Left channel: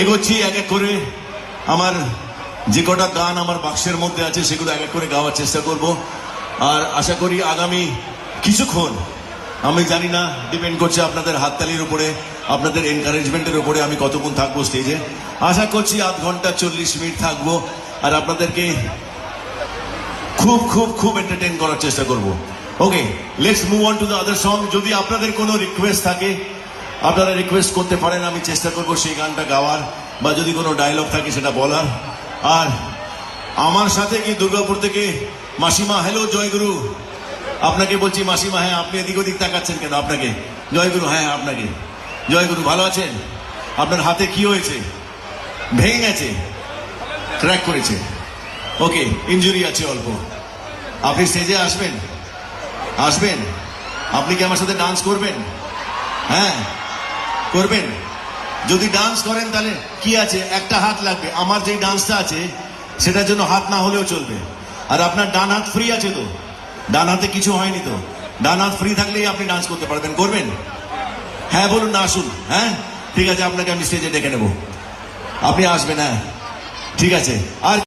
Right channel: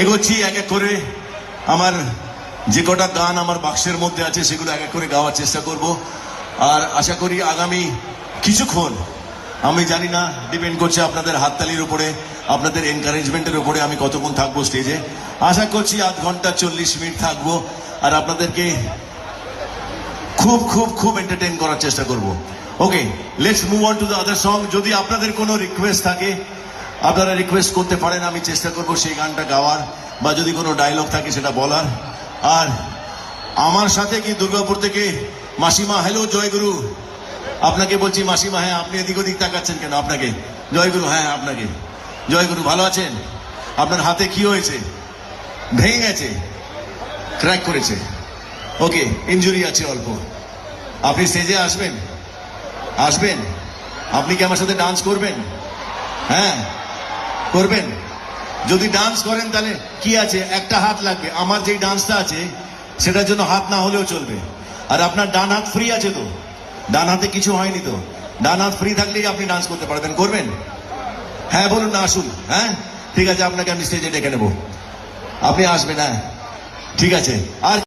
এগোচ্ছি এক এক করে। আমার যে কটা গান আমার বক্সের মধ্যে আছে সেগুলো এক এক করে গাওয়ার চেষ্টা করব। আর আশা করি আগামী কিছুক্ষণ, আমি জানি না, ডিপেন্ড করছে আপনাদের হাততালির উপরে, আপনাদের এনকারেজমেন্টের উপরে আমি কতক্ষণ থাকবো স্টেজে। আশা করছি আধ ঘন্টা 40 মিনিট থাকবো আর আপনাদেরকে খুব খুব খুব এন্টারটেইন করার চেষ্টা করব। Okay, let's move on to the other song. যদি আপনাদের কোনো রিকোয়েস্ট থাকে আপনারা রিকোয়েস্ট করতে পারেন, আমি চেষ্টা করবো সেই গানটা গাওয়ার, বা যদি কোনো ডায়লগ থাকে সেটা বলার। আর আমার সাথে কি দুর্গাপুর থেকে মাসিমা, হ্যালো জয়গুরু, আপনাকে বলছি মাসিমা। হ্যাঁ, আপনি এদিক ওদিক তাকাচ্ছেন কেন? আপনাকে জয়গুরু। হ্যাঁ, আপনাকে জয়গুরু। ভালো আছেন? আপনার হাতে কি হয়েছে? ভেঙে গেছে, ক্র্যাক করেছে। ওকে, ইনজুরি আছে অল্প। আপনি স্টেজে আসবেন? আসবেন? আপনি কি আমার সাথে ডান্স করবেন? হ্যাঁ, করবেন। যদি ডান্স করেন তাহলে কি আছে, একটা হাত লাগবে। আমার যে ডান্সটা আছে সেটার জন্য হাত না হলেও চলবে। আর আপনার ডান হাত ফ্রি আছে তো? ডান হাতে কিছু হয়নি তো? ডান হাত ফ্রি থাকলেই আপনি ডান্স করতে পারবেন। করবেন? হ্যাঁ বলুন না, আসুন। হ্যাঁ, ঠিক আছে, আপনাকে আমি স্টেজে ডেকে নেব, আপনি আসবেন। হ্যাঁ, ঠিক আছে। আর